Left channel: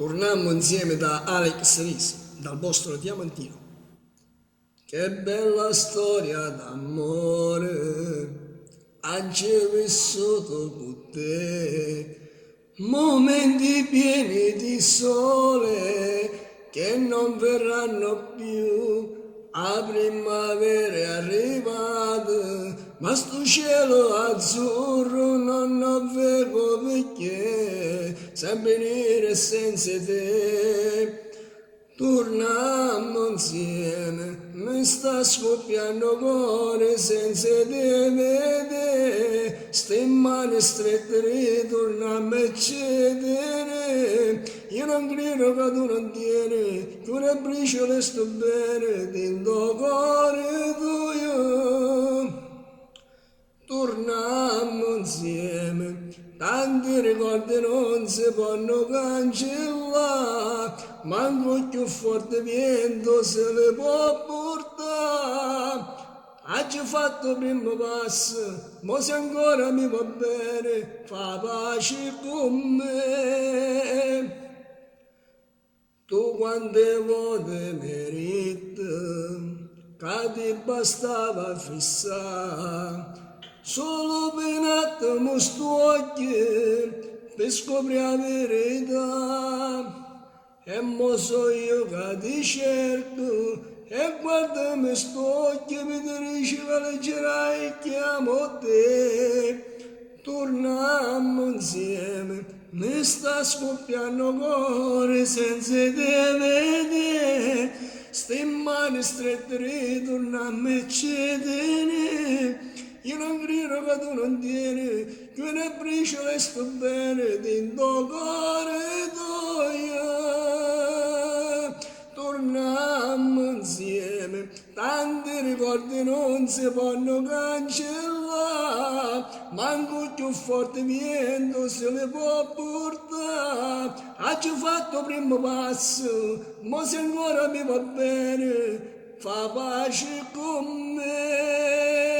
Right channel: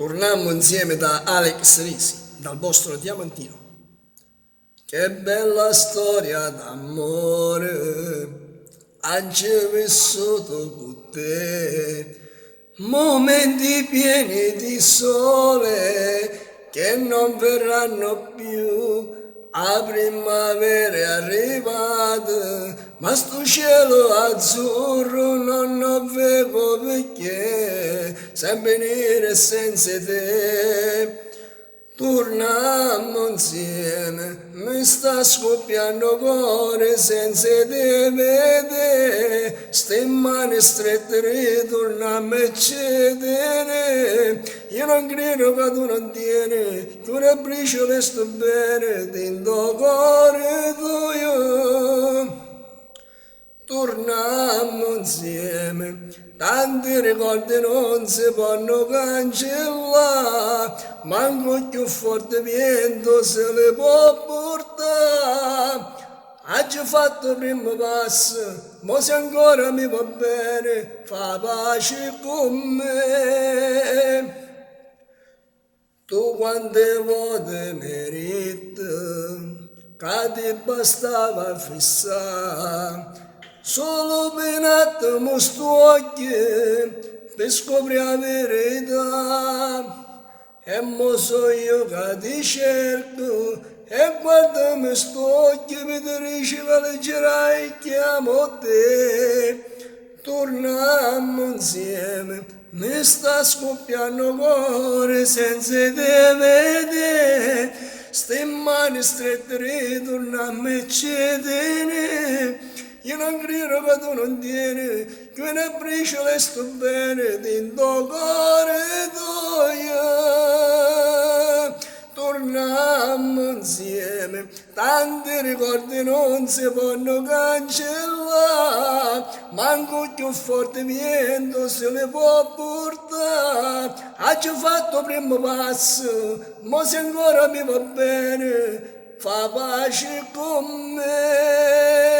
Tornammo insieme da Alex Risi, dal vostro Diamantino. Che bella storia d'amore, oggi vissuto con te, momenti pieni di sole che non verranno più. A primavera è arrivata, ma sto cielo azzurro non lo vedo perché sempre nero senza te. Torniamo insieme, mi sta scoppiando cuore senza te vedere, ste mani strette ritorniamo a cedere, io non credo che tu non tieni, tu ne briciole sto bene, dentro cuore tuo. Torniamo insieme, tanti ricordi non si possono cancellare, manco più forte vento se li può portare. Oggi ho fatto il primo passo, ma se ancora mi va bene, fa pace con me. Tu quante volte meriti, che ti bastava fissare, solo per un attimo sto occhi per scoprire la verità. E mo so io che ti cerco e guardami sto occhi mi dici che leggerai e chiamo te. Torniamo insieme, mi sta scoppiando cuore senza te vedere, ste mani strette ritorniamo a cedere. Io non credo che tu non tieni, che una briciola sto bene dentro cuore tuo. Torniamo insieme, tanti ricordi non si possono cancellare, manco più forte vento se li può portare. Oggi ho fatto il primo passo, ma se ancora mi va bene, fa pace con me.